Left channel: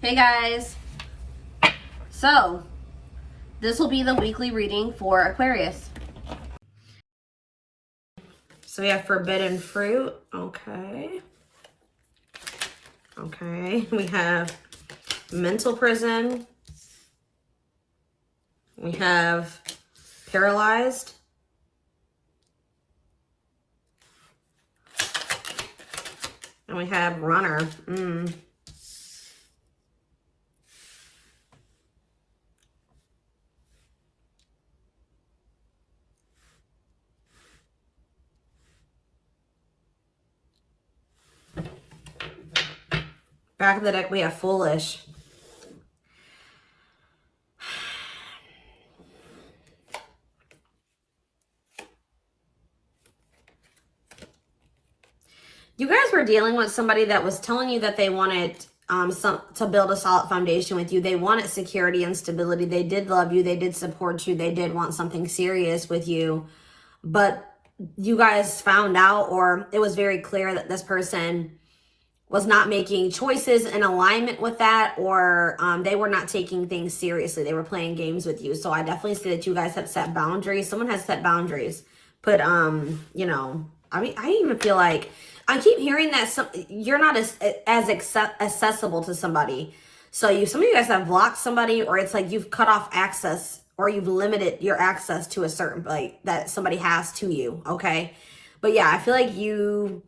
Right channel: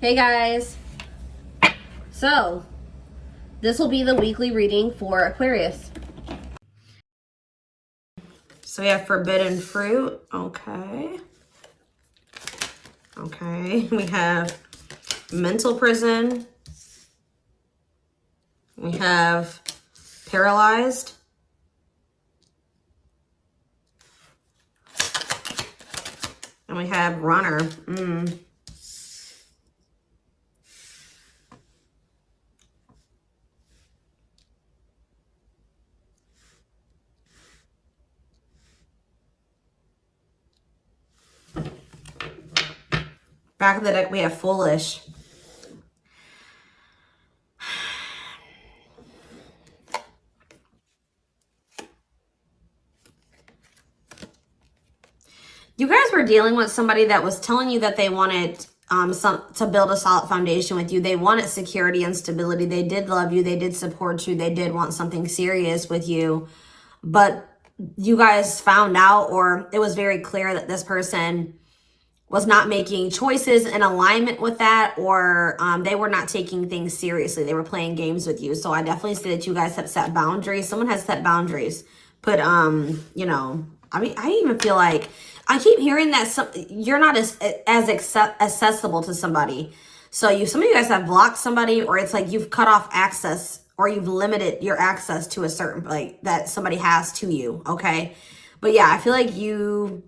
Hey guys, so this will be the weekly reading for Aquarius. So we have forbidden fruit. Okay. We have mental prison. We have paralyzed. And we have runner. Back of the deck, we have foolish. You guys were dealing with somebody that was telling you that they wanted to build a solid foundation with you. They wanted security and stability. They did love you. They did support you. They did want something serious with you. But you guys found out, or it was very clear that this person was not making choices in alignment with that, or they were not taking things seriously. They were playing games with you. So I definitely see that you guys have set boundaries. Someone has set boundaries. But, you know, I mean, I even feel like I keep hearing that you're not as accessible to somebody. So some of you guys have blocked somebody, or it's like you've cut off access, or you've limited your access to a certain, like, that somebody has to you, okay? But yeah, I feel like you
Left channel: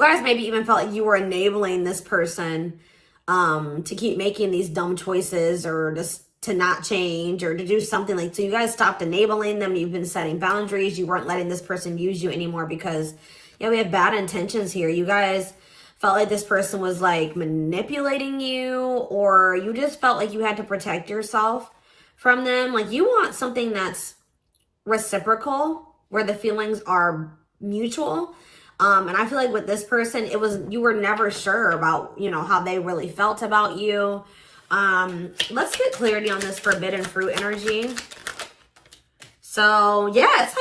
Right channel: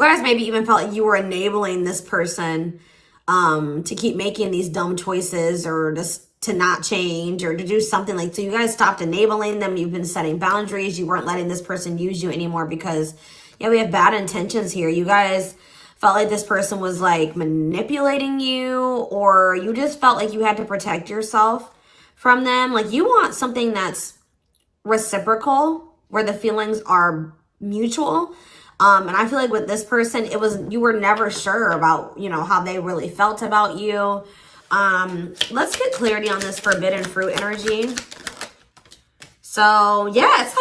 guys maybe even felt like you were enabling this person to keep making these dumb choices, or just to not change, or to do something like, so you guys stopped enabling them. You've been setting boundaries. You weren't letting this person use you anymore because, yeah, we have bad intentions here. You guys felt like this person was like manipulating you, or you just felt like you had to protect yourself from them. Like you want something that's reciprocal, where the feelings are mutual. And I feel like with this person, you were never sure about, you know, how they really felt about you. Let's get clarity on this forbidden fruit energy. So yeah, it's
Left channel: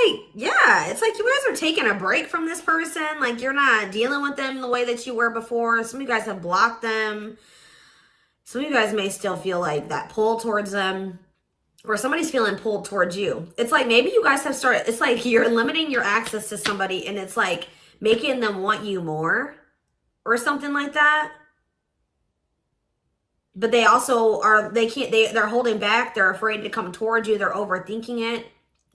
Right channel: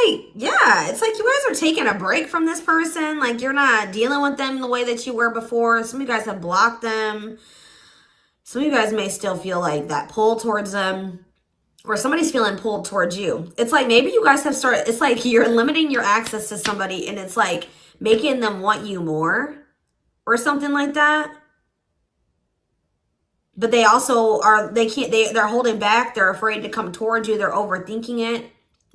like you guys are taking a break from this person. Like you're not dealing with them the way that you were before. Some of you guys have blocked them. Some of you guys may still feel like that pull towards them, or somebody's feeling pulled towards you. It's like maybe you guys have started, it's like you're limiting your access to somebody, and it's like making them want you more or something like that. But they also are, they're holding back. They're afraid to come towards you. They're overthinking it.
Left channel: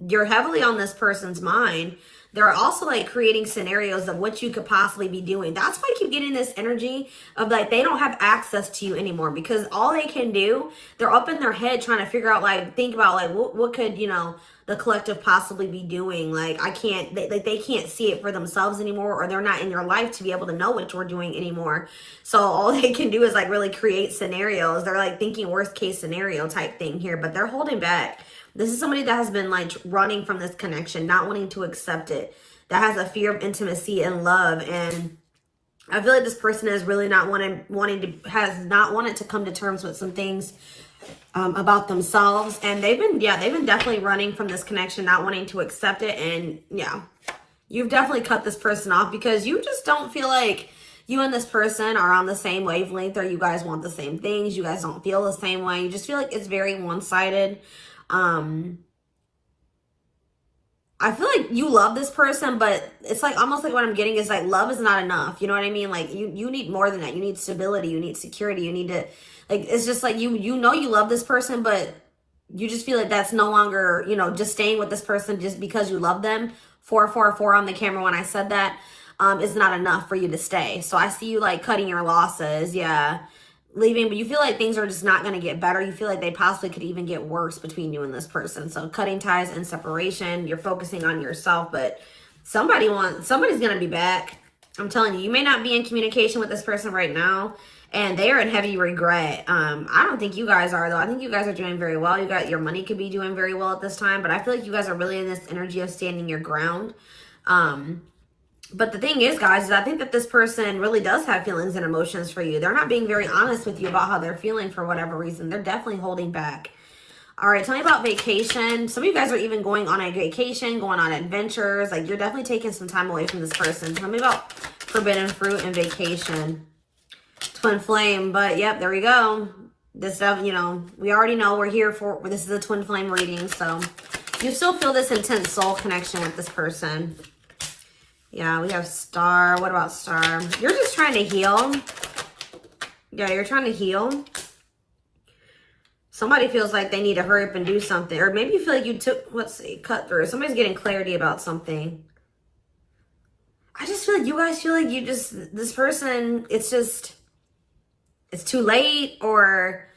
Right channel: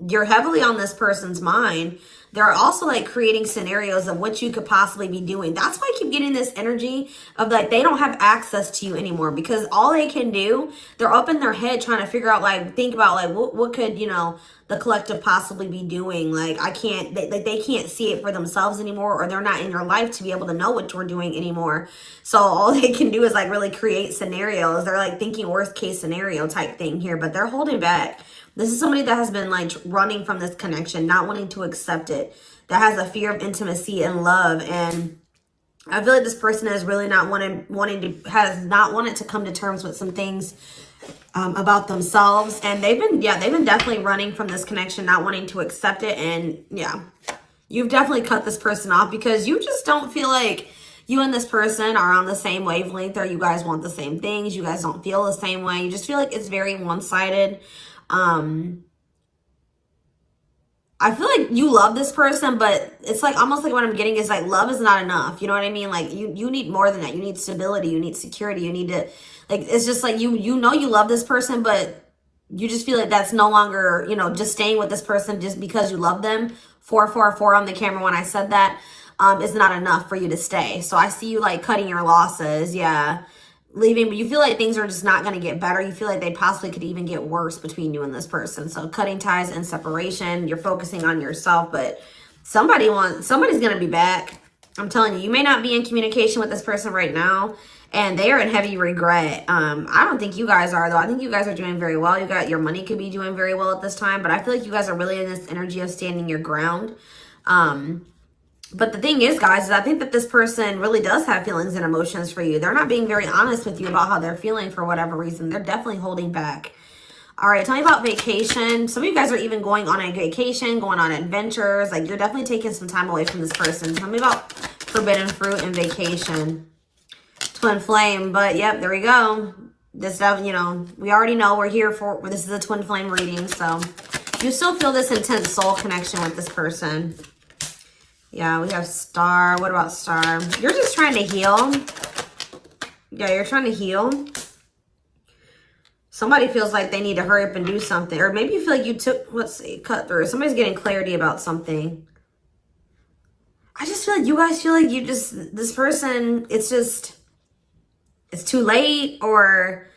You're heavily on this person's mind. They're also like creating scenarios of what you could possibly be doing. That's why I keep getting this energy of like they don't have access to you anymore, because all they can do, they're up in their head trying to figure out, like, think about like what could, you know, the collective possibly be doing. Like they can't see it for themselves anymore, or they're not in your life to be able to know what you're doing anymore. So all they can do is like really create scenarios. They're like thinking worst case scenario type thing here, but they're holding back. This is somebody that has been like running from this connection, not wanting to accept it, that has a fear of intimacy and love. And I feel like this person is really not has not wanted to come to terms with some things about themselves. And they've been definitely running from this connection, not wanting to accept it. And yeah, you've definitely cut this person off because you just don't feel like you and this person are on the same wavelength, or you guys want the same things. You guys don't feel the same way. You just feel like it's very one-sided. I feel like you love this person, but it's like almost like what I'm getting is like love is not enough. You know what I mean? Like you need more than that. You need stability. You need security. You need to, like, it's just like you know you love this person, but you just feel like that's no longer, you know, just staying with this person just because you love them. 444 on the camera when I said that is not enough for you to stay. So I see you like cutting your losses. Yeah. Leaving, but you feel like things are just not going to get better. You feel like they possibly could even get worse between you and this person. So cutting ties and separation. You're focusing on yourself, but somebody's going to be back. I'm telling you, you may not be in communication with this person right now, and they are in heavy regret. I don't think you guys are, though. I think you guys are doing very well. Your money could be doing very well at this time, but I feel like you guys are really in this energy of standing your ground. But the thing is, guys, is I think that this person really does have feelings and emotions for you. They're not being very honest with you about how they're feeling for whatever reason. They're definitely holding back. All right, tell me about vacation. Some of you guys are even going on a vacation, going on adventures. Like, you're definitely taking some time away from this person. Tell me about forbidden fruit and vacation. Twin flame. But yep, there we go. This stuff, you know, we already know we're here for, this is a twin flame reading. So you still feel this intense soul connection with this person. Yeah, we have Star. What about Star? You're just trying to heal. Yeah, you're trying to heal. Somebody feels like they need to hurry up and do something. Or maybe you feel like you took, let's see, cut through. Somebody's getting clarity about something. I just feel like you guys feel like you just, this person, it's just, it's too late, or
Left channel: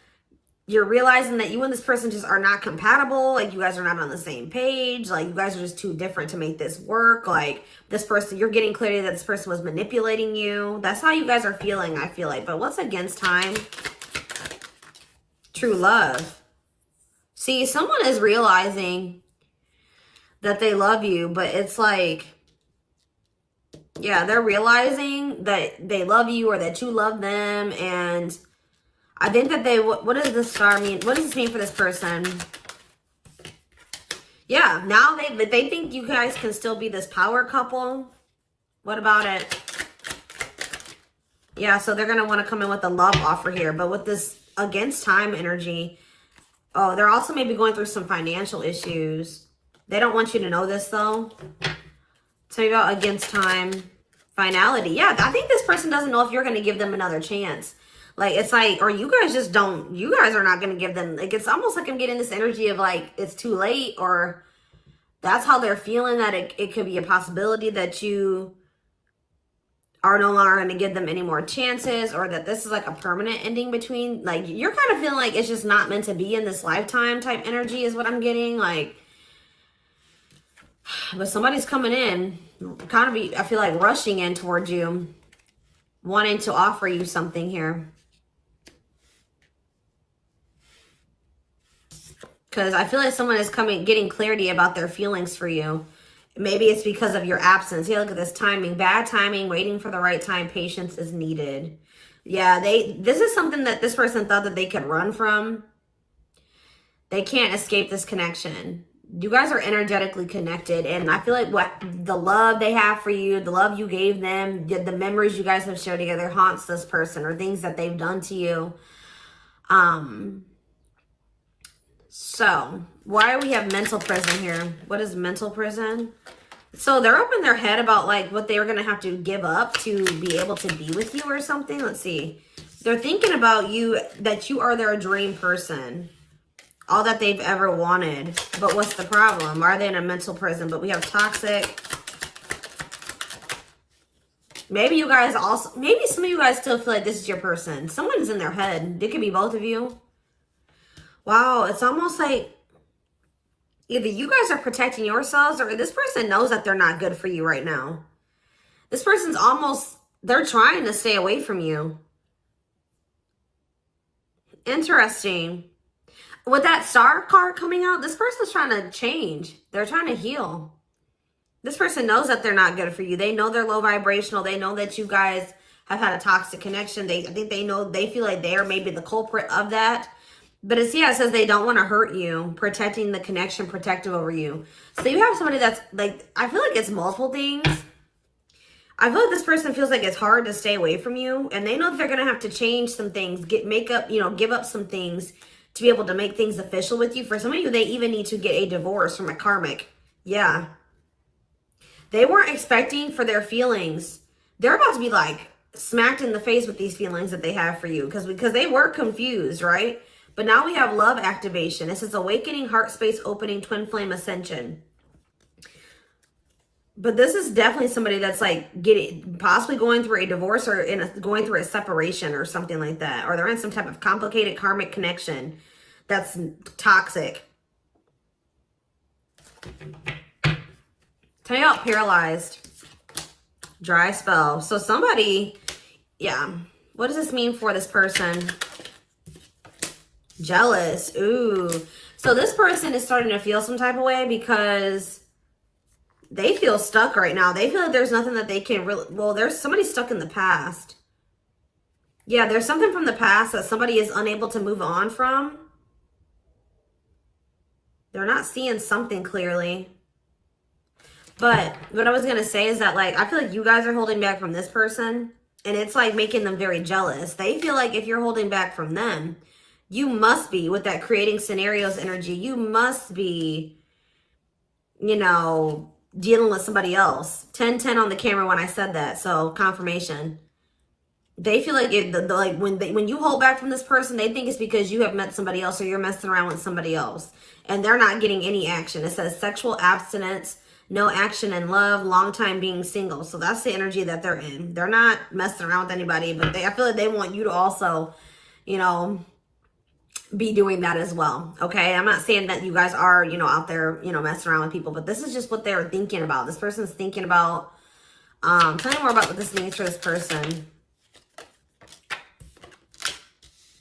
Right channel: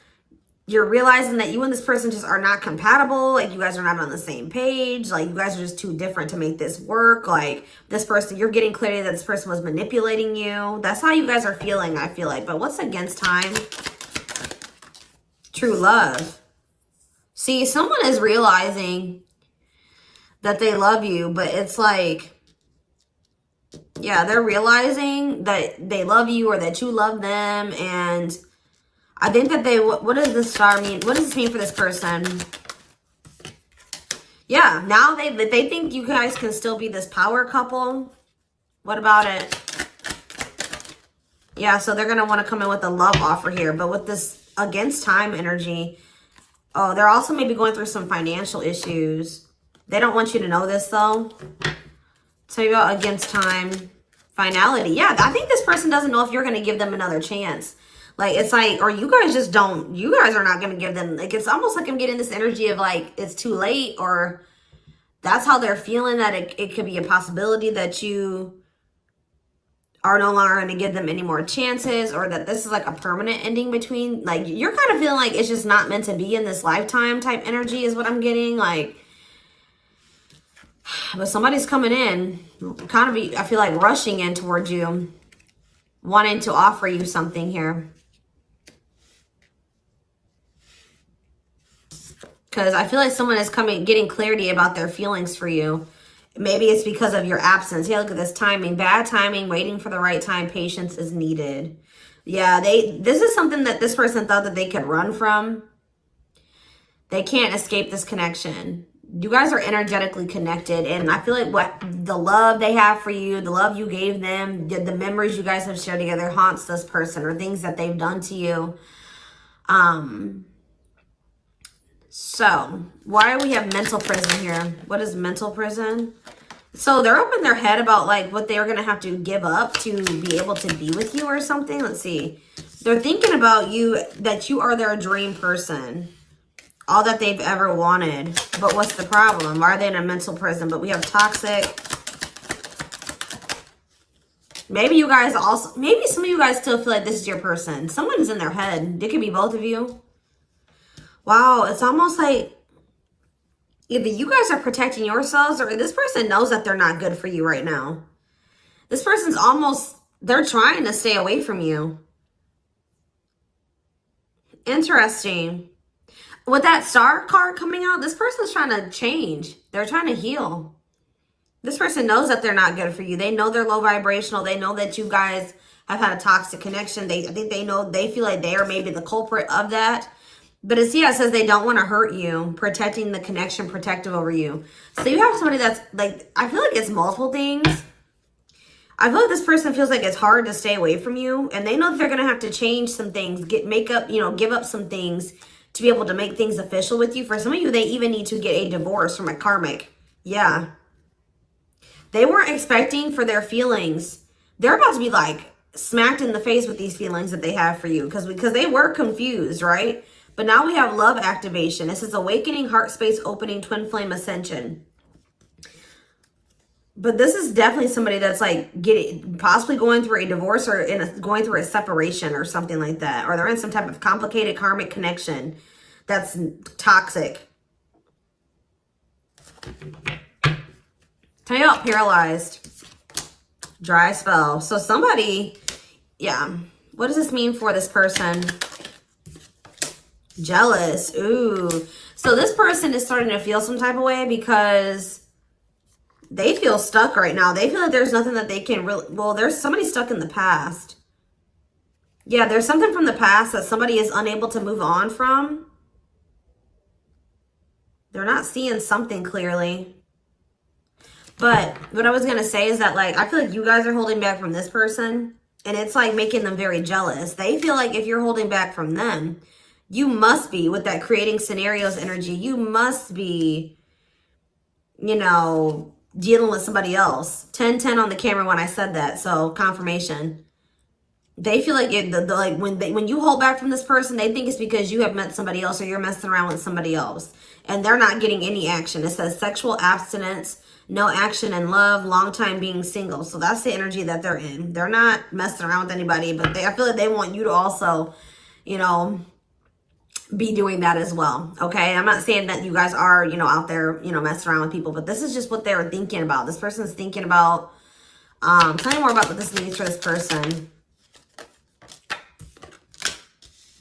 you're realizing that you and this person just are not compatible. Like, you guys are not on the same page. Like, you guys are just too different to make this work. Like, this person, you're getting clarity that this person was manipulating you. That's how you guys are feeling, I feel like. But what's against time? True love. See, someone is realizing that they love you, but it's like, yeah, they're realizing that they love you or that you love them. And I think that they, what does this star mean? What does this mean for this person? Yeah, now they think you guys can still be this power couple. What about it? Yeah, so they're going to want to come in with a love offer here. But with this against time energy, oh, they're also maybe going through some financial issues. They don't want you to know this, though. So you go against time, finality. Yeah, I think this person doesn't know if you're going to give them another chance. Like, it's like, or you guys just don't, you guys are not going to give them, like, it's almost like I'm getting this energy of like, it's too late, or that's how they're feeling, that it could be a possibility that you are no longer going to give them any more chances, or that this is like a permanent ending between, like, you're kind of feeling like it's just not meant to be in this lifetime type energy is what I'm getting. Like, but somebody's coming in, kind of, I feel like rushing in towards you, wanting to offer you something here. Because I feel like someone is getting clarity about their feelings for you. Maybe it's because of your absence. Yeah, look at this timing. Bad timing, waiting for the right time. Patience is needed. Yeah, this is something that this person thought that they could run from. They can't escape this connection. You guys are energetically connected, and I feel like what the love they have for you, the love you gave them, the memories you guys have shared together haunts this person, or things that they've done to you. So why do we have mental prison here? What is mental prison? So they're up in their head about like what they're going to have to give up to be able to be with you or something. Let's see. They're thinking about you, that you are their dream person. All that they've ever wanted. But what's the problem? Why are they in a mental prison? But we have toxic. Maybe you guys also, maybe some of you guys still feel like this is your person. Someone's in their head. It could be both of you. Wow, it's almost like either you guys are protecting yourselves, or this person knows that they're not good for you right now. This person's almost, they're trying to stay away from you. Interesting. With that star card coming out, this person's trying to change. They're trying to heal. This person knows that they're not good for you. They know they're low vibrational. They know that you guys have had a toxic connection. I think they know, they feel like they are maybe the culprit of that. But it's, yeah, it says they don't want to hurt you, protecting the connection, protective over you. So you have somebody that's like, I feel like it's multiple things. I feel like this person feels like it's hard to stay away from you, and they know that they're going to have to change some things, give up some things to be able to make things official with you. For some of you, they even need to get a divorce from a karmic. Yeah. They weren't expecting for their feelings. They're about to be like smacked in the face with these feelings that they have for you, because they were confused, right? But now we have love activation. This is awakening, heart space opening, twin flame ascension. But this is definitely somebody that's like possibly going through a divorce, or going through a separation or something like that. Or they're in some type of complicated karmic connection that's toxic. Tell you out, paralyzed. Dry spell. So somebody, yeah. What does this mean for this person? Jealous. Ooh. So this person is starting to feel some type of way because they feel stuck right now. They feel like there's nothing that they can really, well, there's somebody stuck in the past. Yeah, there's something from the past that somebody is unable to move on from. They're not seeing something clearly. But what I was going to say is that, like, I feel like you guys are holding back from this person. And it's like making them very jealous. They feel like if you're holding back from them, you must be, with that creating scenarios energy, you must be, you know, dealing with somebody else. 10-10 on the camera when I said that. So confirmation. They feel like like when you hold back from this person, they think it's because you have met somebody else or you're messing around with somebody else. And they're not getting any action. It says sexual abstinence, no action in love, long time being single. So that's the energy that they're in. They're not messing around with anybody, but I feel like they want you to also, you know, be doing that as well. Okay, I'm not saying that you guys are, you know, out there, you know, messing around with people, but this is just what they're thinking about. This person's thinking about. Tell me more about what this means for this person.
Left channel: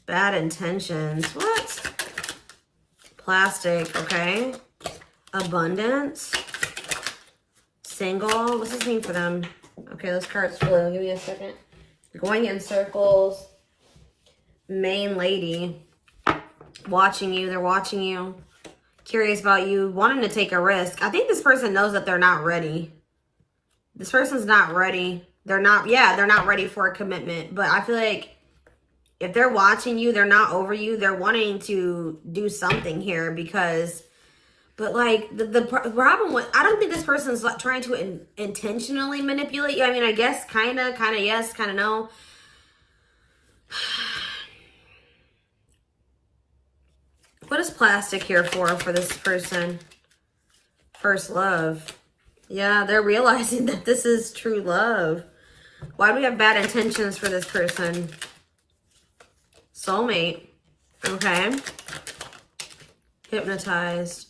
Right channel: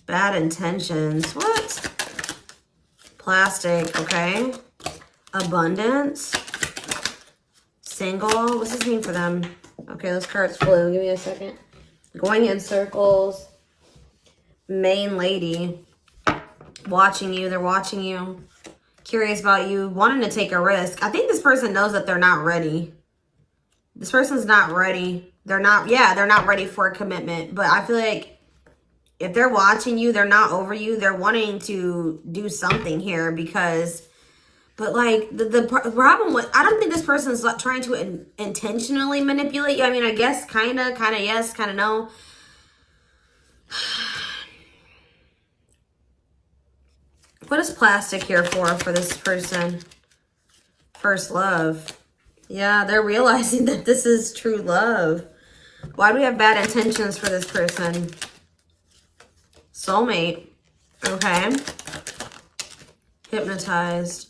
Bad intentions. What? Plastic. Okay. Abundance. Single. What's this mean for them? Okay, those cards flew. Give me a second. Going in circles. Main lady. Watching you. They're watching you. Curious about you. Wanting to take a risk. I think this person knows that they're not ready. This person's not ready. They're not, yeah, they're not ready for a commitment. But I feel like if they're watching you, they're not over you. They're wanting to do something here because, but like the problem with, I don't think this person's trying to intentionally manipulate you. I mean, I guess kind of yes, kind of no. What is plastic here for this person? First love. Yeah, they're realizing that this is true love. Why do we have bad intentions for this person? Soulmate. Okay. Hypnotized.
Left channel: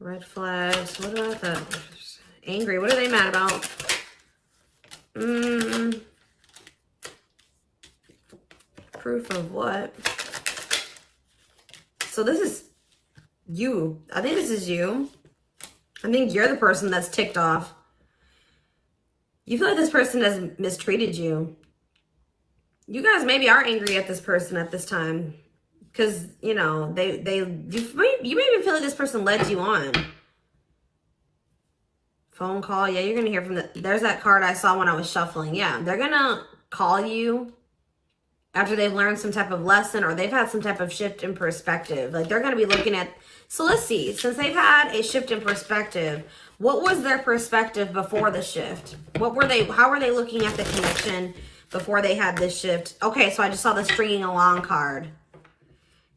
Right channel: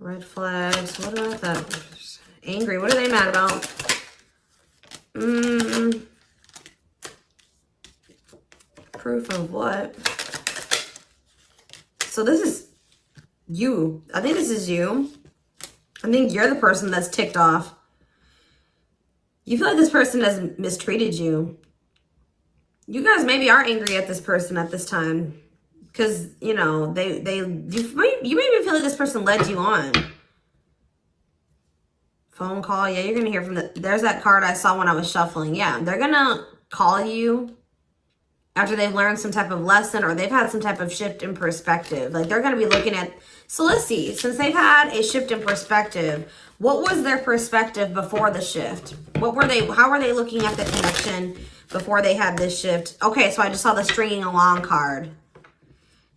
Red flags. What about that? Angry. What are they mad about? Proof of what? So this is you. I think this is you. I think you're the person that's ticked off. You feel like this person has mistreated you. You guys maybe are angry at this person at this time. Because, you know, you maybe feel like this person led you on. Phone call. Yeah, you're going to hear from there's that card I saw when I was shuffling. Yeah, they're going to call you after they've learned some type of lesson or they've had some type of shift in perspective. Like they're going to be looking at, so let's see, since they've had a shift in perspective, what was their perspective before the shift? How were they looking at the connection before they had this shift? Okay, so I just saw the stringing along card.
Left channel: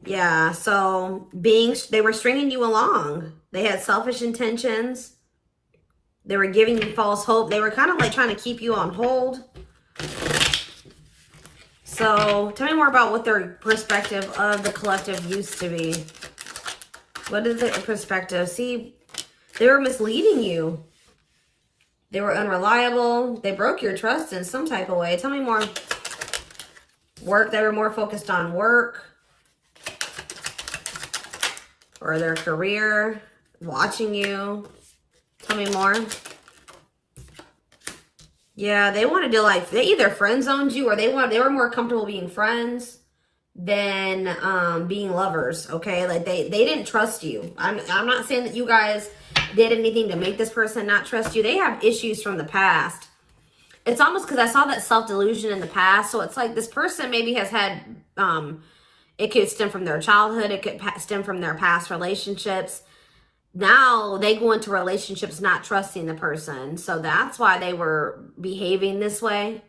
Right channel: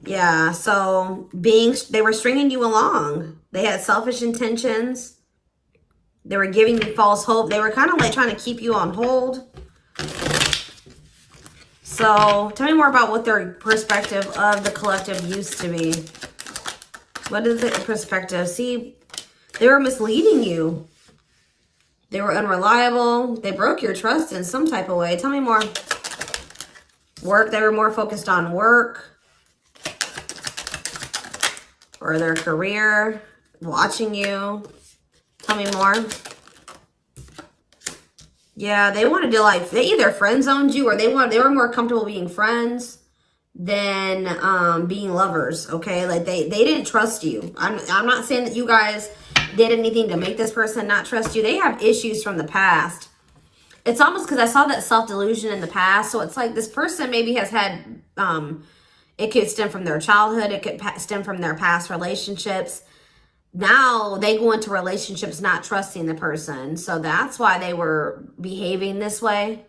Yeah, so they were stringing you along. They had selfish intentions. They were giving you false hope. They were kind of like trying to keep you on hold. So tell me more about what their perspective of the collective used to be. What is their perspective? See, they were misleading you. They were unreliable. They broke your trust in some type of way. Tell me more. Work. They were more focused on work or their career. Watching you. Tell me more. Yeah, they wanted to like, they either friend zoned you or they were more comfortable being friends than being lovers, okay? Like they didn't trust you. I'm not saying that you guys did anything to make this person not trust you. They have issues from the past. It's almost because I saw that self-delusion in the past. So it's like this person maybe has had, it could stem from their childhood. It could stem from their past relationships. Now they go into relationships not trusting the person. So that's why they were behaving this way.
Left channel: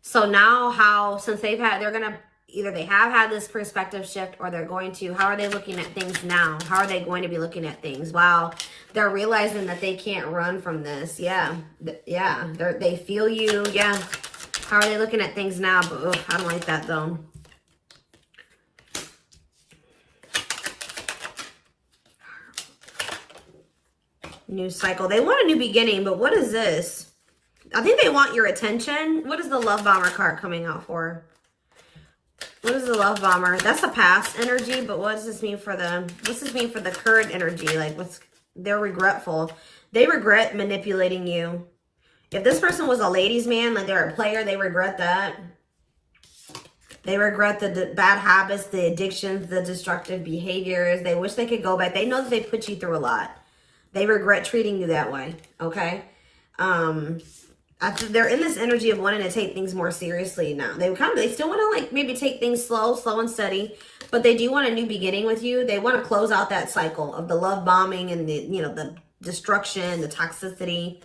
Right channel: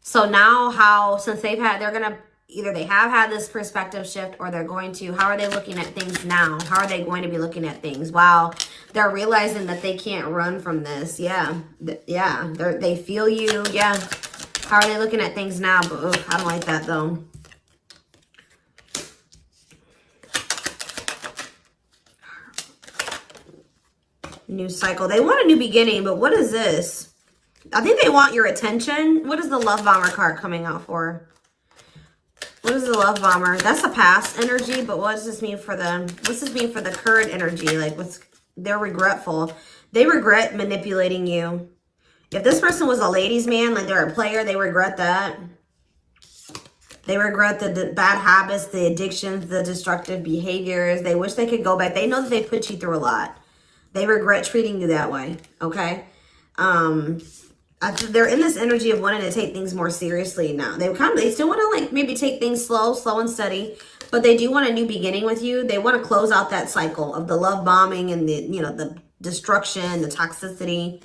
So now since they're going to, either they have had this perspective shift or they're going to, how are they looking at things now? How are they going to be looking at things? Wow. They're realizing that they can't run from this. Yeah. Yeah. They feel you. Yeah. How are they looking at things now? But ooh, I don't like that though. New cycle. They want a new beginning, but what is this? I think they want your attention. What is the love bomber card coming out for? What is the love bomber? That's a past energy, but what does this mean for them? What does this mean for the current energy? Like they're regretful. They regret manipulating you. If this person was a ladies' man, like they're a player, they regret that. They regret the bad habits, the addictions, the destructive behaviors. They wish they could go back. They know that they put you through a lot. They regret treating you that way, okay? They're in this energy of wanting to take things more seriously now. They still want to like maybe take things slow and steady, but they do want a new beginning with you. They want to close out that cycle of the love bombing and the, you know, the destruction, the toxicity.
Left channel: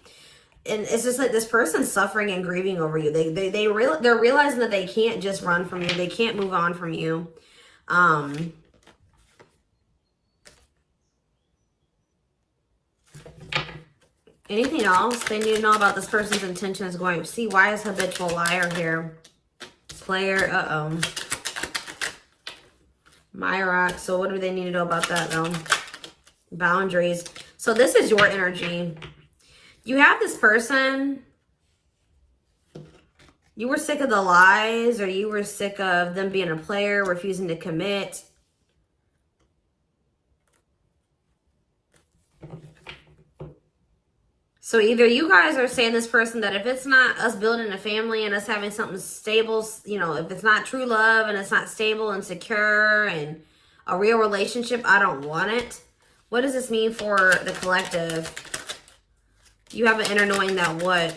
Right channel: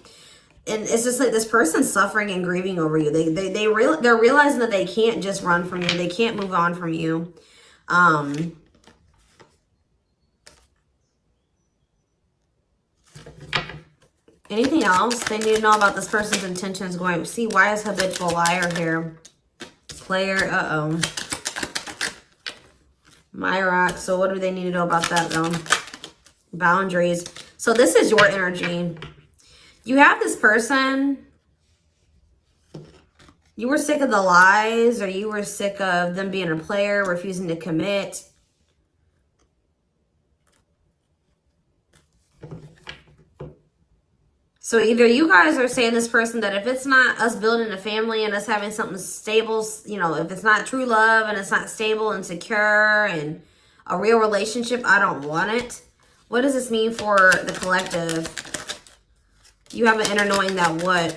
And it's just like this person's suffering and grieving over you. They're realizing that they can't just run from you. They can't move on from you. Anything else they need to know about this person's intentions going? See, why is habitual liar here? Player, Myra. So what do they need to know about that though? Boundaries. So this is your energy. You have this person. You were sick of the lies, or you were sick of them being a player, refusing to commit. So either you guys are saying this person that if it's not us building a family and us having something stable, you know, if it's not true love and it's not stable and secure and a real relationship, I don't want it. What does this mean for the collective? You have an inner knowing that what?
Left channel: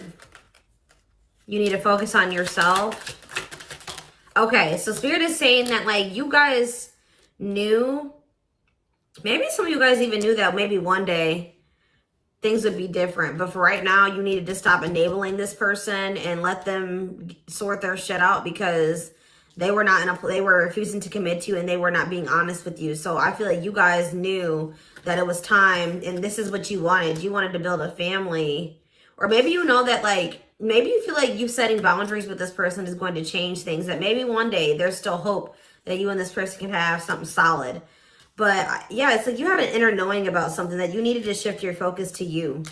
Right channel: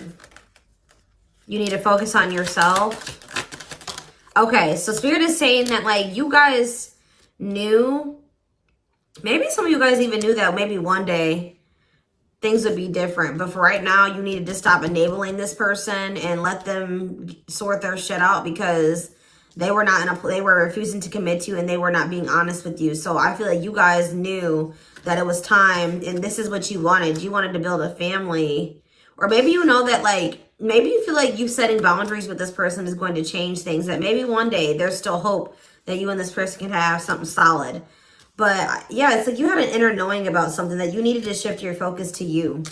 You need to focus on yourself. Okay, so Spirit is saying that like you guys knew, maybe some of you guys even knew that maybe one day things would be different. But for right now, you needed to stop enabling this person and let them sort their shit out because they were not they were refusing to commit to you and they were not being honest with you. So I feel like you guys knew that it was time and this is what you wanted. You wanted to build a family. Or maybe you know that like, maybe you feel like you setting boundaries with this person is going to change things. That maybe one day there's still hope that you and this person can have something solid. But yeah, it's like you had an inner knowing about something that you needed to shift your focus to you.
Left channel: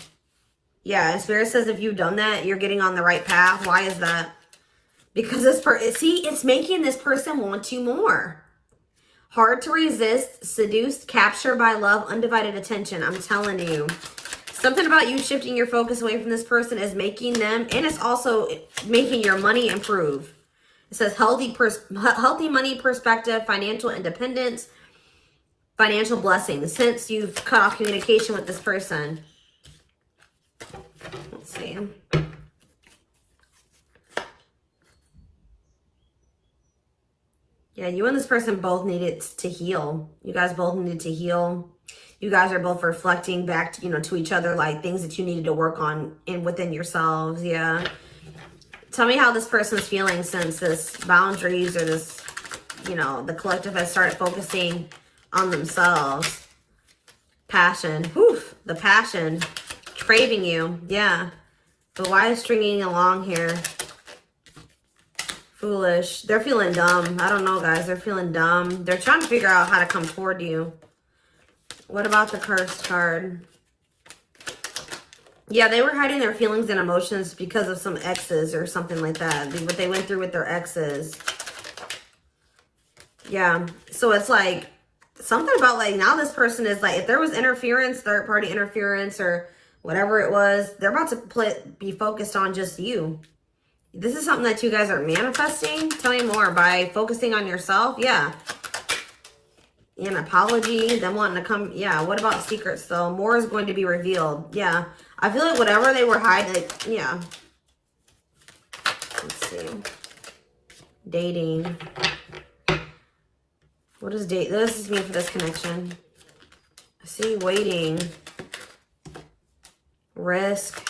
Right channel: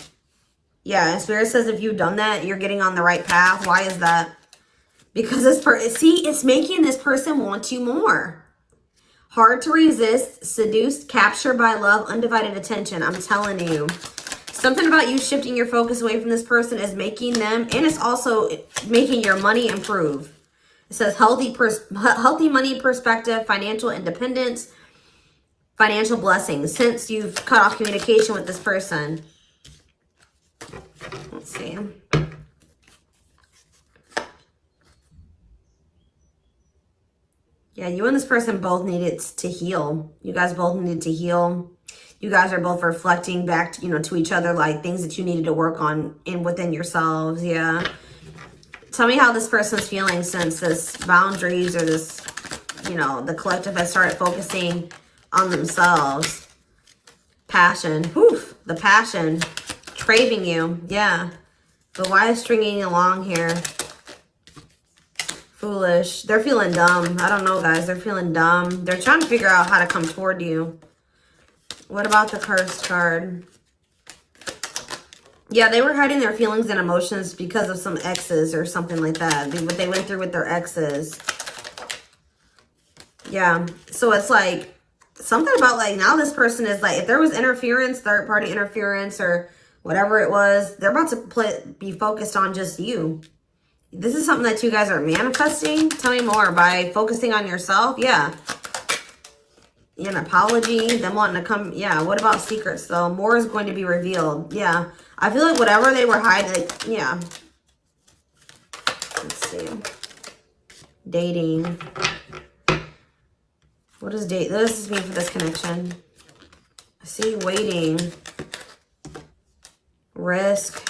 Yeah, and Spirit says if you've done that, you're getting on the right path. Why is that? Because this person, see, it's making this person want you more. Hard to resist, seduced, captured by love, undivided attention. I'm telling you. Something about you shifting your focus away from this person is making them, and it's also making your money improve. It says healthy money perspective, financial independence, financial blessings since you've cut off communication with this person. Let's see. Yeah, you and this person both needed to heal. You guys both needed to heal. You guys are both reflecting back to, you know, to each other, like things that you needed to work on within yourselves. Yeah. Tell me how this person's feeling since this boundaries or this, you know, the collective has started focusing on themselves. Passion. Whew, the passion. Craving you. Yeah. But why is stringing along here? Foolish. They're feeling dumb. I don't know, guys. They're feeling dumb. They're trying to figure out how to come toward you. What about the cursed card? Yeah, they were hiding their feelings and emotions because of some exes or something like that. They went through with their exes. Yeah. So it's like something about like now this person is like, if there was interference, third party interference or whatever it was, they're about to be focused on just you. This is something that you guys are manifesting. Tell me more. By focusing on yourself. Yeah. An apology, them wanting to come. Yeah, what about secrets though? More is going to be revealed. Yeah, I feel like whatever they were hiding, yeah. Let's see. Dating. What does date? What does this mean for this connection? See, waiting. Risk.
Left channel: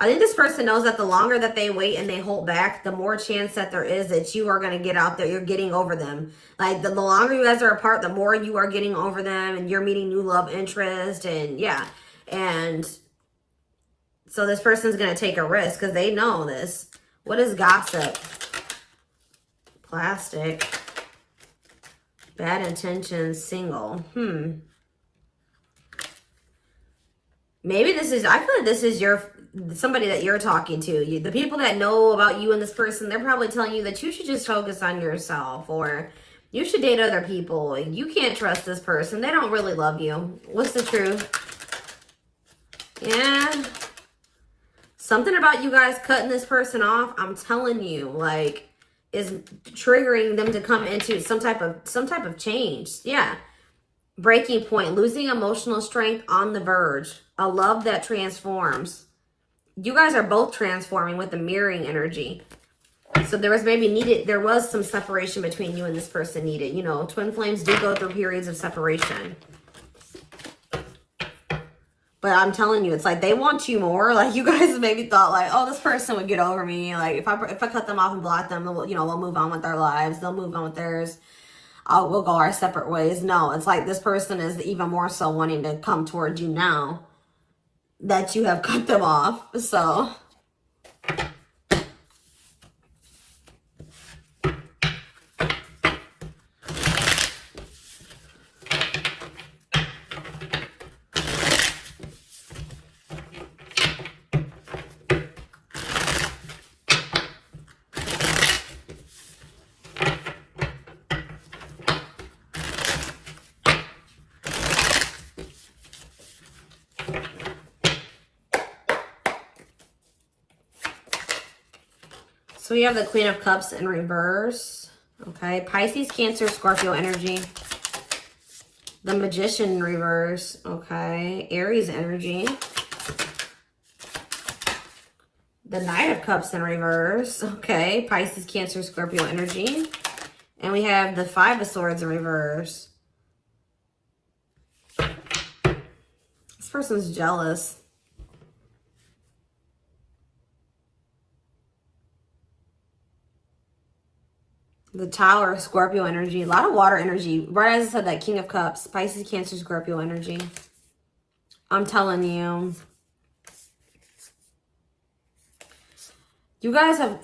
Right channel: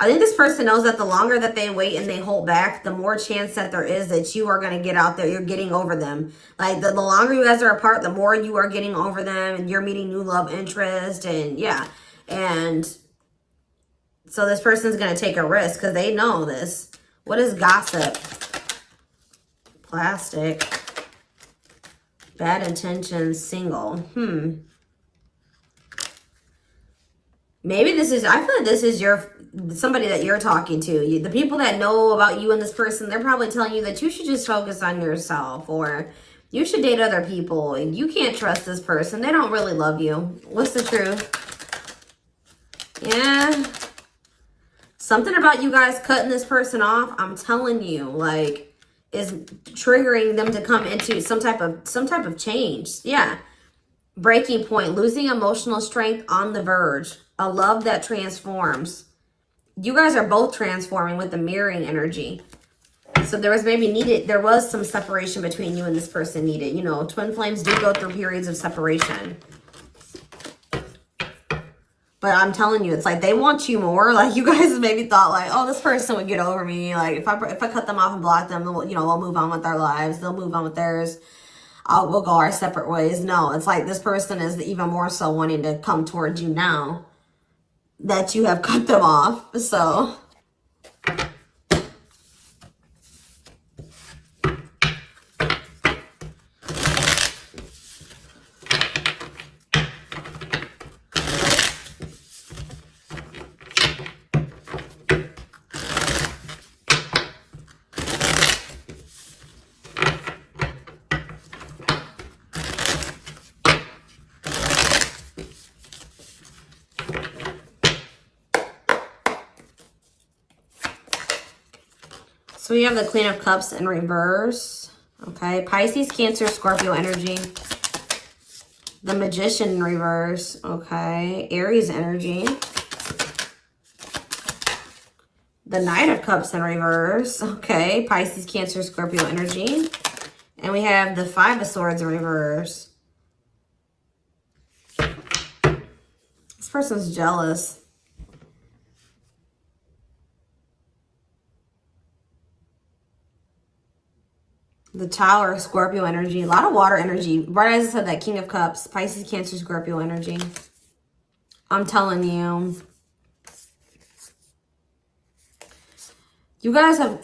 I think this person knows that the longer that they wait and they hold back, the more chance that there is that you are going to get out there. You're getting over them. Like the longer you guys are apart, the more you are getting over them and you're meeting new love interest. And yeah. And so this person's going to take a risk because they know this. What is gossip? Plastic. Bad intentions. Single. Maybe this is, I feel like this is somebody that you're talking to. The people that know about you and this person, they're probably telling you that you should just focus on yourself or you should date other people. You can't trust this person. They don't really love you. What's the truth? Yeah. Something about you guys cutting this person off, I'm telling you, like, is triggering them to come into some type of change. Yeah. Breaking point, losing emotional strength on the verge, a love that transforms. You guys are both transforming with the mirroring energy. So there was some separation between you and this person needed. You know, twin flames do go through periods of separation. But I'm telling you, it's like they want you more. Like you guys maybe thought like, oh, this person would get over me. Like if I cut them off and block them, you know, we'll move on with our lives. They'll move on with theirs. We'll go our separate ways. No, it's like this person is even more so wanting to come towards you now that you have cut them off. So So we have the Queen of Cups in reverse. Okay. Pisces, Cancer, Scorpio energy. The Magician in reverse. Okay. Aries energy. The Knight of Cups in reverse. Okay. Pisces, Cancer, Scorpio energy. And we have the Five of Swords in reverse. This person's jealous. The Tower of Scorpio energy. A lot of water energy. Right as I said, that King of Cups. Pisces, Cancer, Scorpio energy. I'm telling you. You guys have...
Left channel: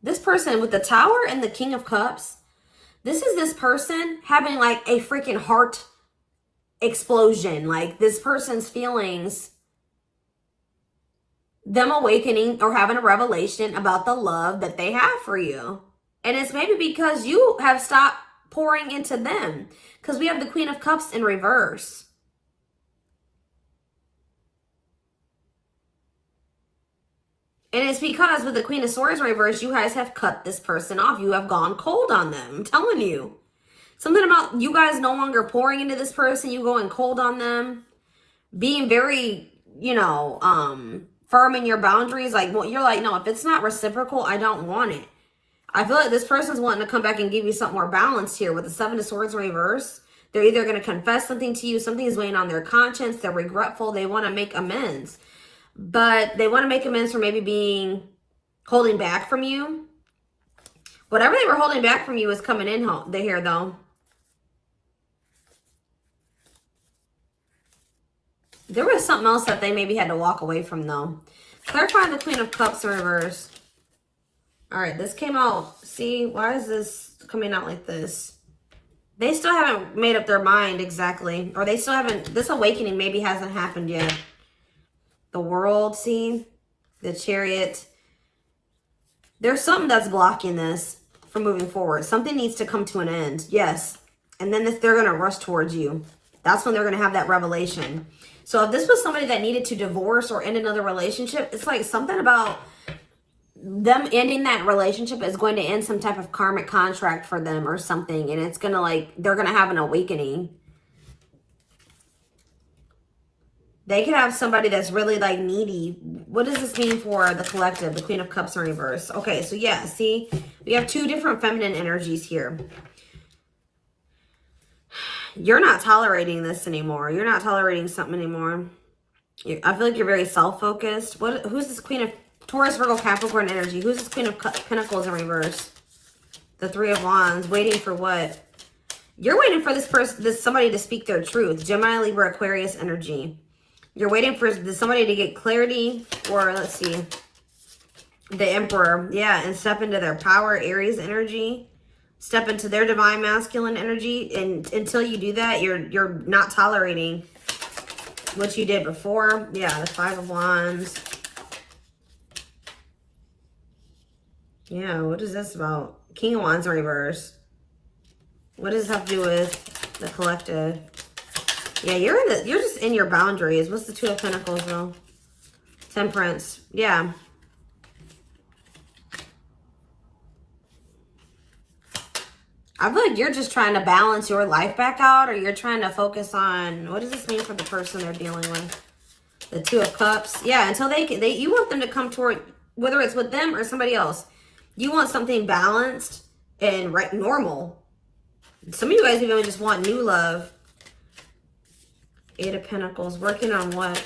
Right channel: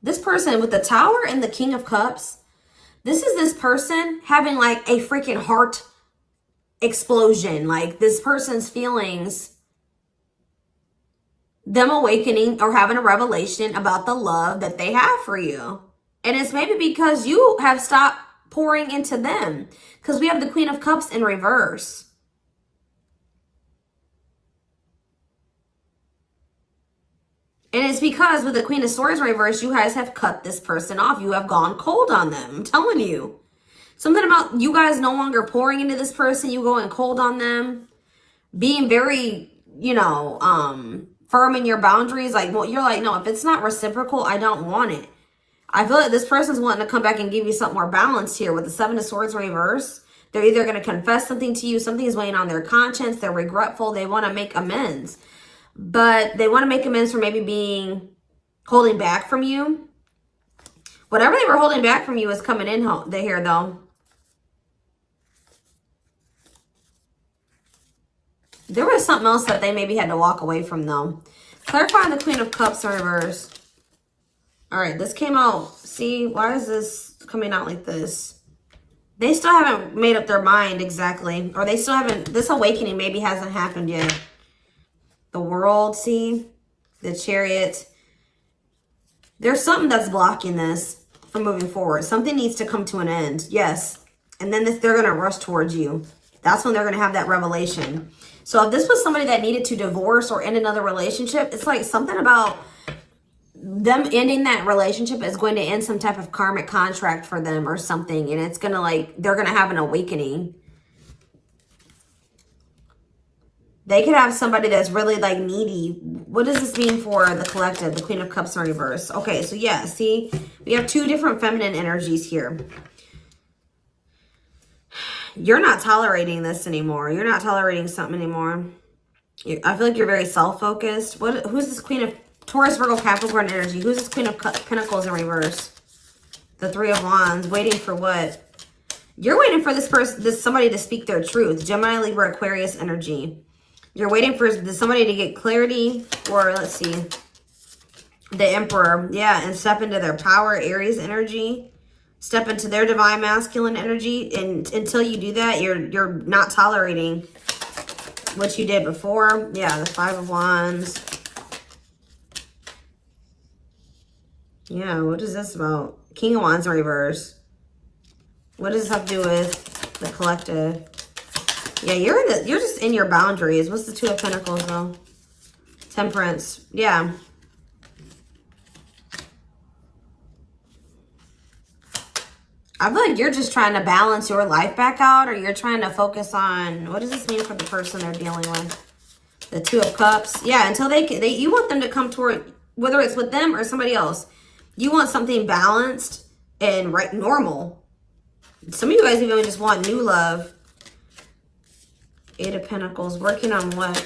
This person with the Tower and the King of Cups. This is this person having like a freaking heart explosion. Like this person's feelings. Them awakening or having a revelation about the love that they have for you. And it's maybe because you have stopped pouring into them. Because we have the Queen of Cups in reverse. And it's because with the Queen of Swords in reverse, you guys have cut this person off. You have gone cold on them. I'm telling you. Something about you guys no longer pouring into this person. You going cold on them. Being very, you know, firm in your boundaries. Like, well, you're like, no, if it's not reciprocal, I don't want it. I feel like this person's wanting to come back and give you something more balanced here with the Seven of Swords reverse. They're either going to confess something to you, something is weighing on their conscience, they're regretful, they want to make amends. But they want to make amends for maybe holding back from you. Whatever they were holding back from you is coming in here though. There was something else that they maybe had to walk away from though. Clarifying the Queen of Cups in reverse. All right, this came out. See, why is this coming out like this? They still haven't made up their mind exactly. Or they still haven't, this awakening maybe hasn't happened yet. The World, see? The Chariot. There's something that's blocking this from moving forward. Something needs to come to an end. Yes. And then they're going to rush towards you. That's when they're going to have that revelation. So if this was somebody that needed to divorce or end another relationship, it's like something about them ending that relationship is going to end some type of karmic contract for them or something. And it's going to like, they're going to have an awakening. They could have somebody that's really like needy. What does this mean for the collective? The Queen of Cups in reverse. Okay, so yeah, see, we have two different feminine energies here. You're not tolerating this anymore. You're not tolerating something anymore. I feel like you're very self-focused. Who's this Queen of Taurus, Virgo, Capricorn energy? Who's this Queen of Pentacles in reverse? The Three of Wands. Waiting for what? You're waiting for somebody to speak their truth. Gemini, Libra, Aquarius energy. You're waiting for somebody to get clarity, or let's see, the Emperor. Yeah, and step into their power, Aries energy. Step into their divine masculine energy. And until you do that, you're not tolerating what you did before. Yeah, the Five of Wands. Yeah, what is this about? King of Wands in reverse. What does this have to do with the collective? Yeah, you're just in your boundaries. What's the Two of Pentacles though? Temperance. Yeah. I feel like you're just trying to balance your life back out, or you're trying to focus on, what does this mean for the person they're dealing with? The Two of Cups. Yeah, until you want them to come toward, whether it's with them or somebody else. You want something balanced and normal. Some of you guys even just want new love. Eight of Pentacles. Working on what?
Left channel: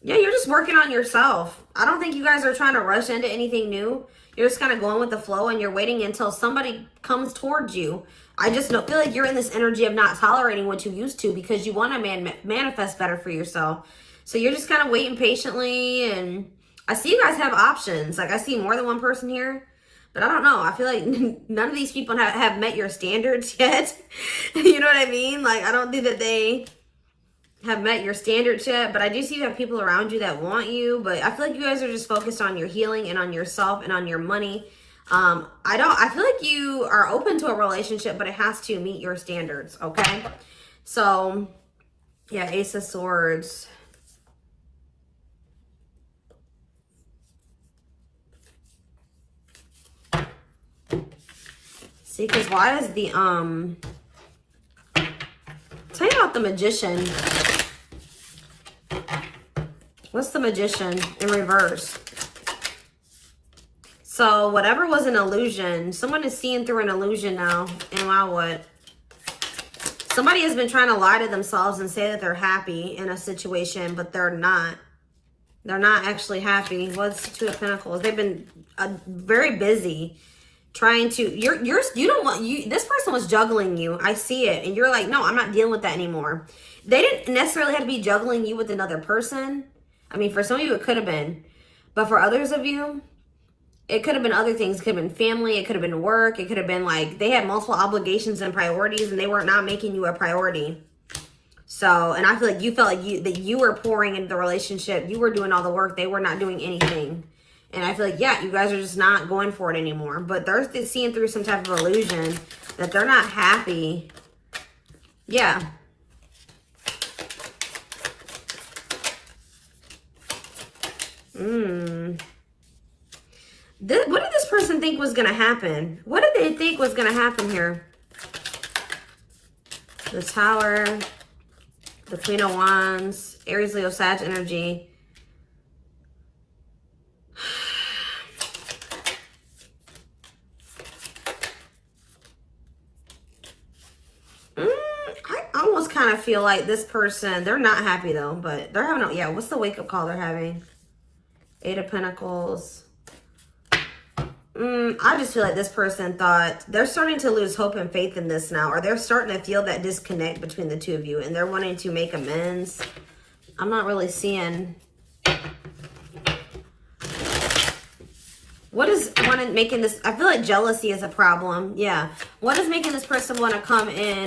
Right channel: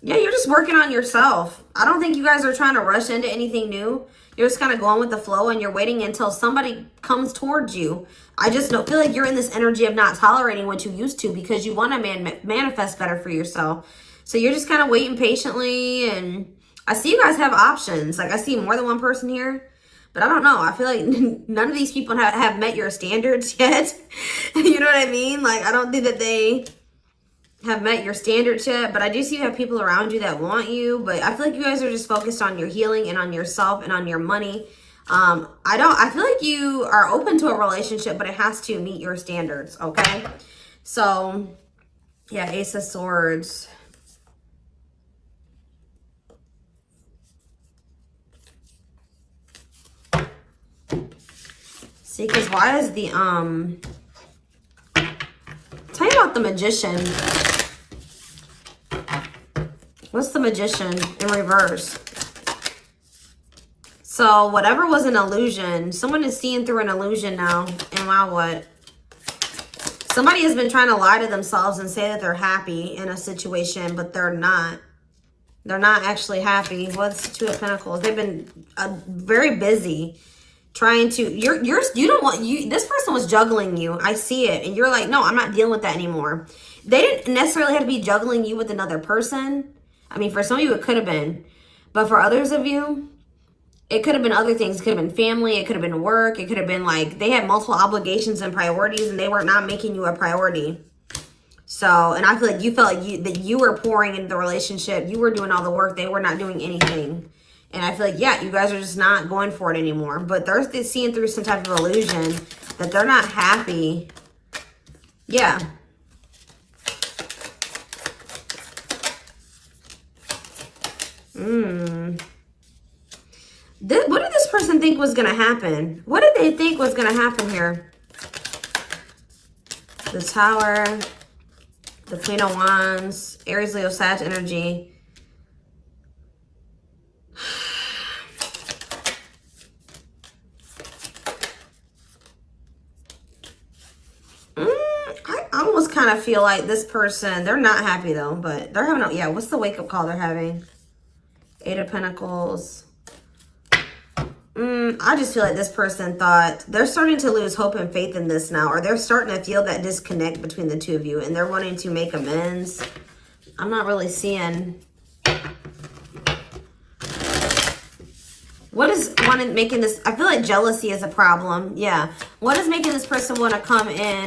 Yeah, you're just working on yourself. I don't think you guys are trying to rush into anything new. You're just kind of going with the flow and you're waiting until somebody comes towards you. I just feel like you're in this energy of not tolerating what you used to because you want to manifest better for yourself. So you're just kind of waiting patiently. And I see you guys have options. Like I see more than one person here. But I don't know. I feel like none of these people have met your standards yet. You know what I mean? Like I don't think that they have met your standards yet, but I do see you have people around you that want you, but I feel like you guys are just focused on your healing and on yourself and on your money. I feel like you are open to a relationship, but it has to meet your standards, okay? So, yeah, Ace of Swords. See, because why is the, tell me about the Magician. What's the Magician in reverse? So whatever was an illusion, someone is seeing through an illusion now. And now what? Somebody has been trying to lie to themselves and say that they're happy in a situation, but they're not. They're not actually happy. What's the Two of Pentacles? They've been very busy trying to, this person was juggling you. I see it. And you're like, no, I'm not dealing with that anymore. They didn't necessarily have to be juggling you with another person. I mean, for some of you, it could have been. But for others of you, it could have been other things. It could have been family. It could have been work. It could have been like they had multiple obligations and priorities and they were not making you a priority. So, and I feel like you felt like that you were pouring into the relationship. You were doing all the work. They were not doing anything. And I feel like, yeah, you guys are just not going for it anymore. But they're seeing through some type of illusion that they're not happy. Yeah. What did this person think was going to happen? What did they think was going to happen here? The Tower, the Queen of Wands, Aries, Leo, Sag energy. I almost kind of feel like this person, they're not happy though, but they're having, yeah, what's the wake-up call they're having? Eight of Pentacles. I just feel like this person thought they're starting to lose hope and faith in this now, or they're starting to feel that disconnect between the two of you and they're wanting to make amends. I'm not really seeing what is making this. I feel like jealousy is a problem. Yeah. What is making this person want to come in?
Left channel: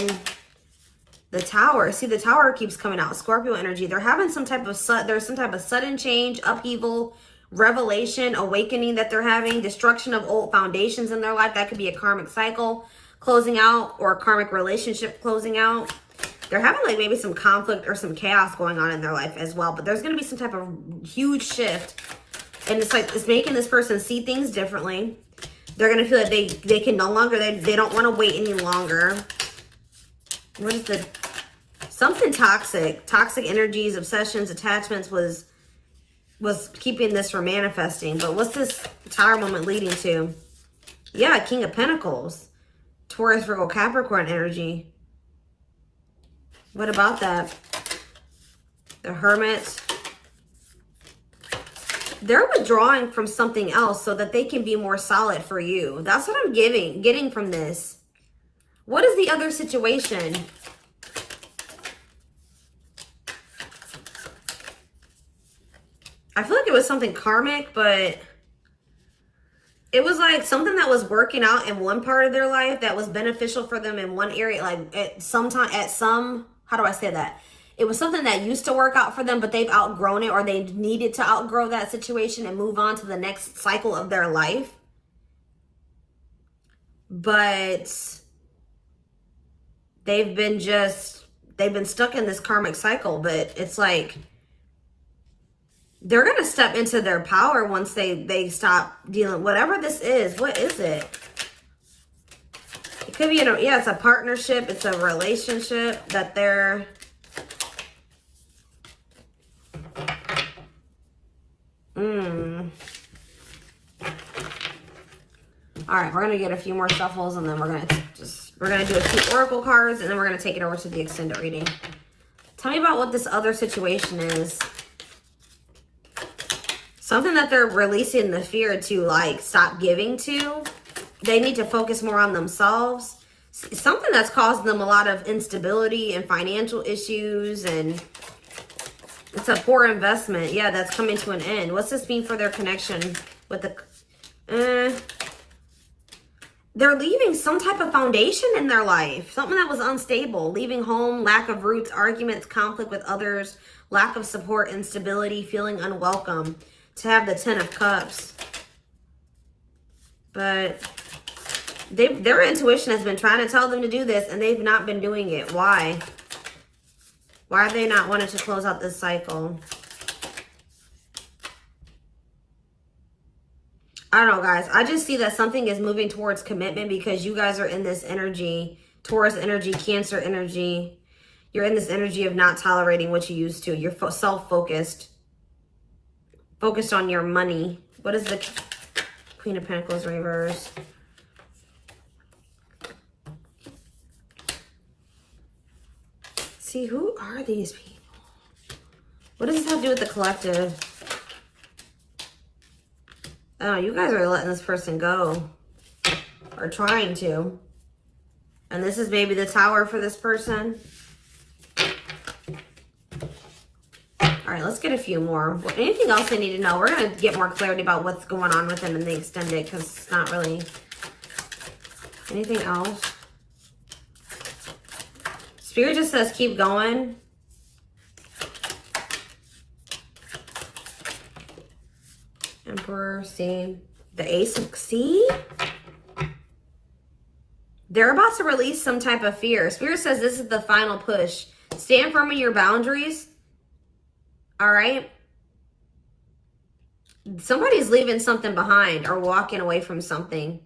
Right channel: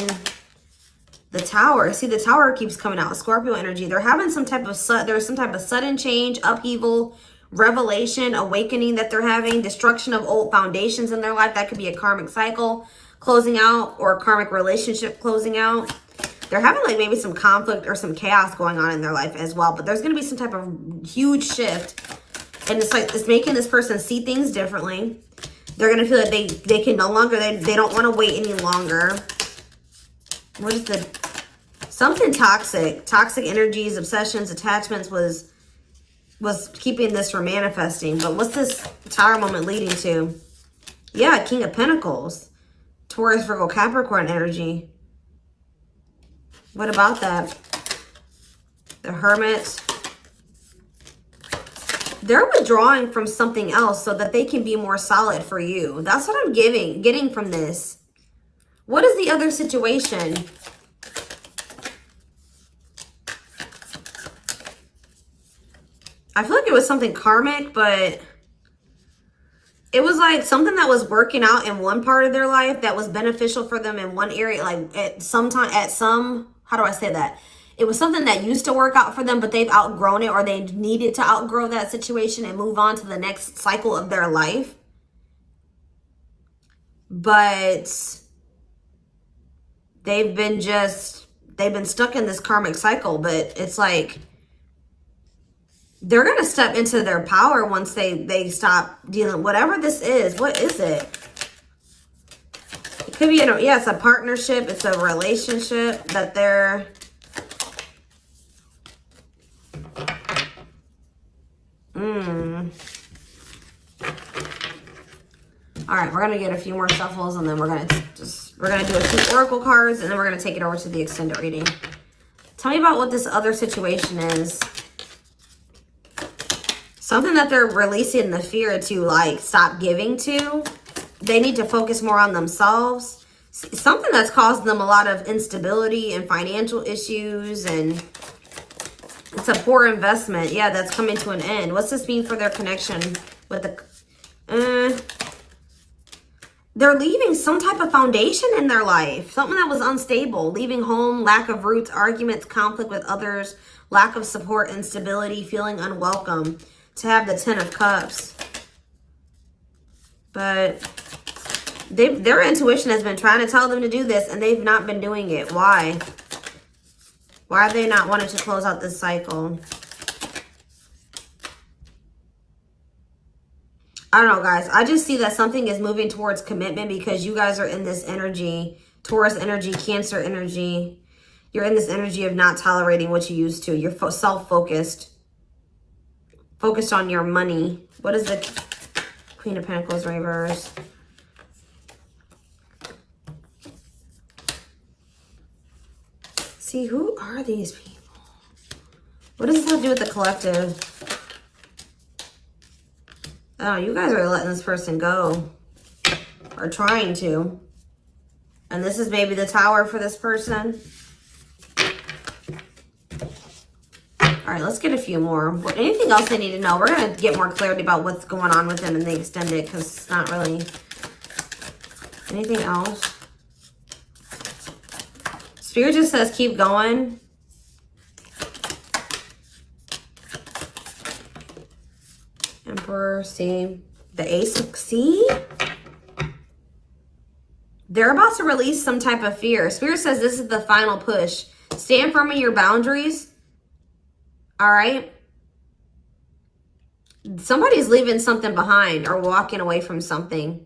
The Tower. See, the Tower keeps coming out. Scorpio energy. They're having some type of sudden change, upheaval, revelation, awakening that they're having, destruction of old foundations in their life. That could be a karmic cycle closing out or a karmic relationship closing out. They're having like maybe some conflict or some chaos going on in their life as well. But there's going to be some type of huge shift. And it's like, it's making this person see things differently. They're going to feel like they can no longer, they don't want to wait any longer. What is the, something toxic energies, obsessions, attachments was keeping this from manifesting. But what's this Tower moment leading to? Yeah, King of Pentacles. Taurus, Virgo, Capricorn energy. What about that? The Hermit. They're withdrawing from something else so that they can be more solid for you. That's what I'm getting from this. What is the other situation? I feel like it was something karmic, but it was like something that was working out in one part of their life that was beneficial for them in one area. Like how do I say that? It was something that used to work out for them, but they've outgrown it, or they needed to outgrow that situation and move on to the next cycle of their life. But they've been stuck in this karmic cycle. But it's like they're going to step into their power once they stop dealing, whatever this is. What is it? It could be, yeah, it's a partnership. It's a relationship that they're, All right, we're gonna get a few more shuffles, and then we're gonna do a few oracle cards, and then we're gonna take it over to the extended reading. Tell me about what this other situation is. Something that they're releasing the fear to, like, stop giving to. They need to focus more on themselves. Something that's causing them a lot of instability and financial issues, and it's a poor investment. Yeah, that's coming to an end. What's this mean for their connection with the... They're leaving some type of foundation in their life. Something that was unstable. Leaving home, lack of roots, arguments, conflict with others, lack of support, instability, feeling unwelcome. To have the 10 of Cups. But their intuition has been trying to tell them to do this, and they've not been doing it. Why? Why have they not wanted to close out this cycle? I don't know, guys. I just see that something is moving towards commitment because you guys are in this energy, Taurus energy, Cancer energy. You're in this energy of not tolerating what you used to. You're self-focused. Focused on your money. What is the Queen of Pentacles reverse? See, who are these people? What does this have to do with the collective? Oh, you guys are letting this person go. Or trying to. And this is maybe the Tower for this person. All right, let's get a few more. Anything else I need to know? We're going to get more clarity about what's going on with them in the extended because it's not really anything else. Spirit just says keep going. Emperor, see? The Ace of... See? They're about to release some type of fear. Spirit says this is the final push. Stand firm in your boundaries. All right? Somebody's leaving something behind or walking away from something.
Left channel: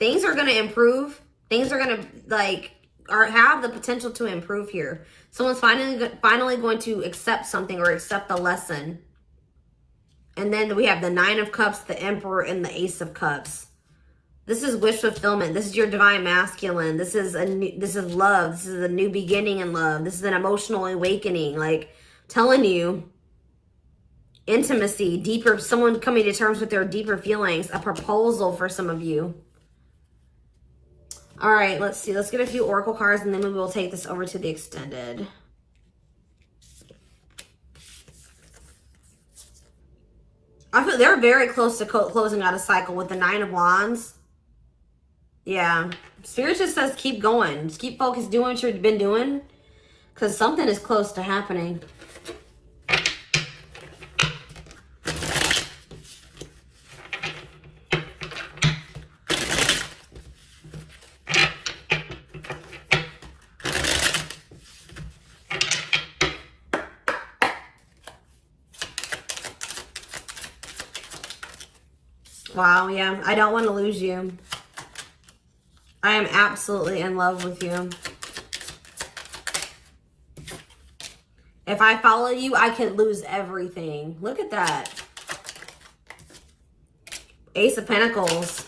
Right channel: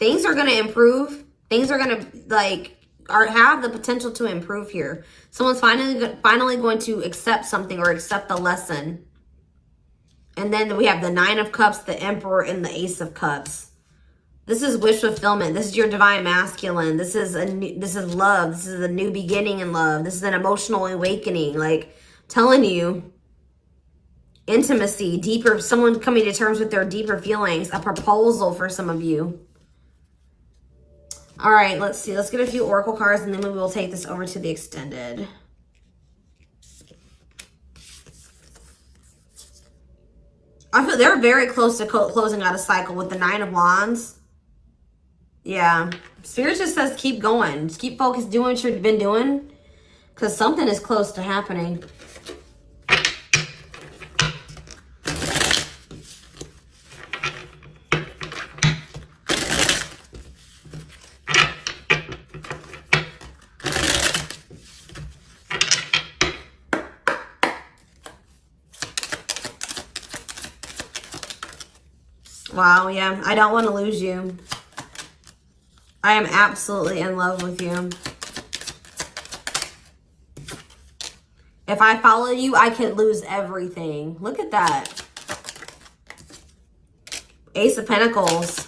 Things are going to improve. Things are going to, like, have the potential to improve here. Someone's finally going to accept something or accept the lesson. And then we have the Nine of Cups, the Emperor, and the Ace of Cups. This is wish fulfillment. This is your divine masculine. This is love. This is a new beginning in love. This is an emotional awakening. Like, telling you, intimacy, deeper, someone coming to terms with their deeper feelings, a proposal for some of you. All right, let's see. Let's get a few oracle cards, and then we will take this over to the extended. I feel they're very close to closing out a cycle with the Nine of Wands. Yeah. Spirit just says keep going. Just keep focused, doing what you've been doing. Because something is close to happening. Wow, yeah. I don't want to lose you. I am absolutely in love with you. If I follow you, I could lose everything. Look at that. Ace of Pentacles.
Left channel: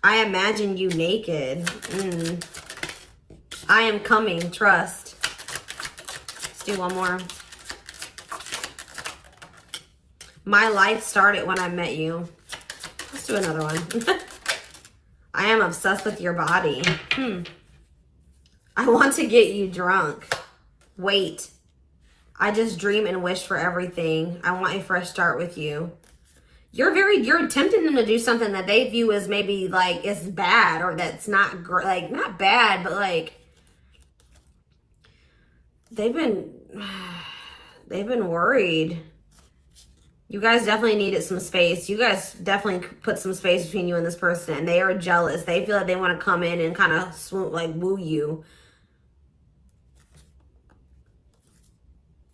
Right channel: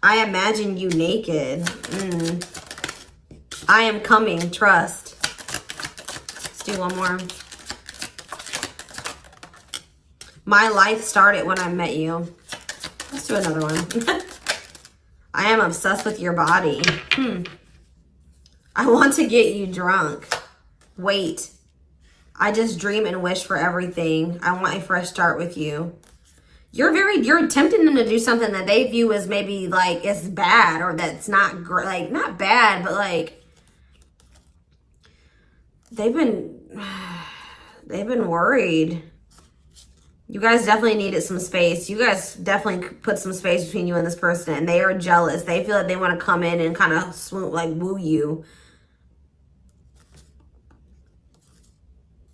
I imagine you naked. I am coming. Trust. Let's do one more. My life started when I met you. Let's do another one. I am obsessed with your body. I want to get you drunk. Wait. I just dream and wish for everything. I want a fresh start with you. You're tempting them to do something that they view as maybe like is bad or that's not great. Like, not bad, but like they've been worried. You guys definitely needed some space. You guys definitely put some space between you and this person. And they are jealous. They feel like they want to come in and kind of swoon, like woo you.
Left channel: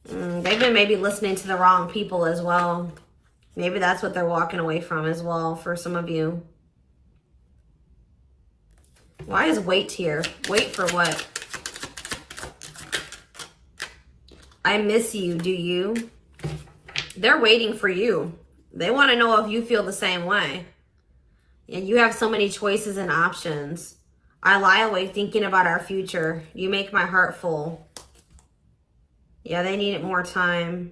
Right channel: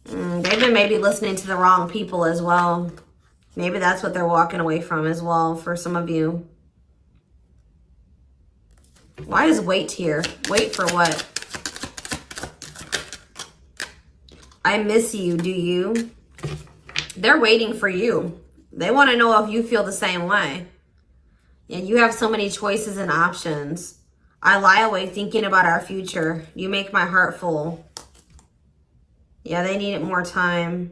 They've been maybe listening to the wrong people as well. Maybe that's what they're walking away from as well for some of you. Why is wait here? Wait for what? I miss you. Do you? They're waiting for you. They want to know if you feel the same way. Yeah, you have so many choices and options. I lie awake thinking about our future. You make my heart full. Yeah, they needed more time.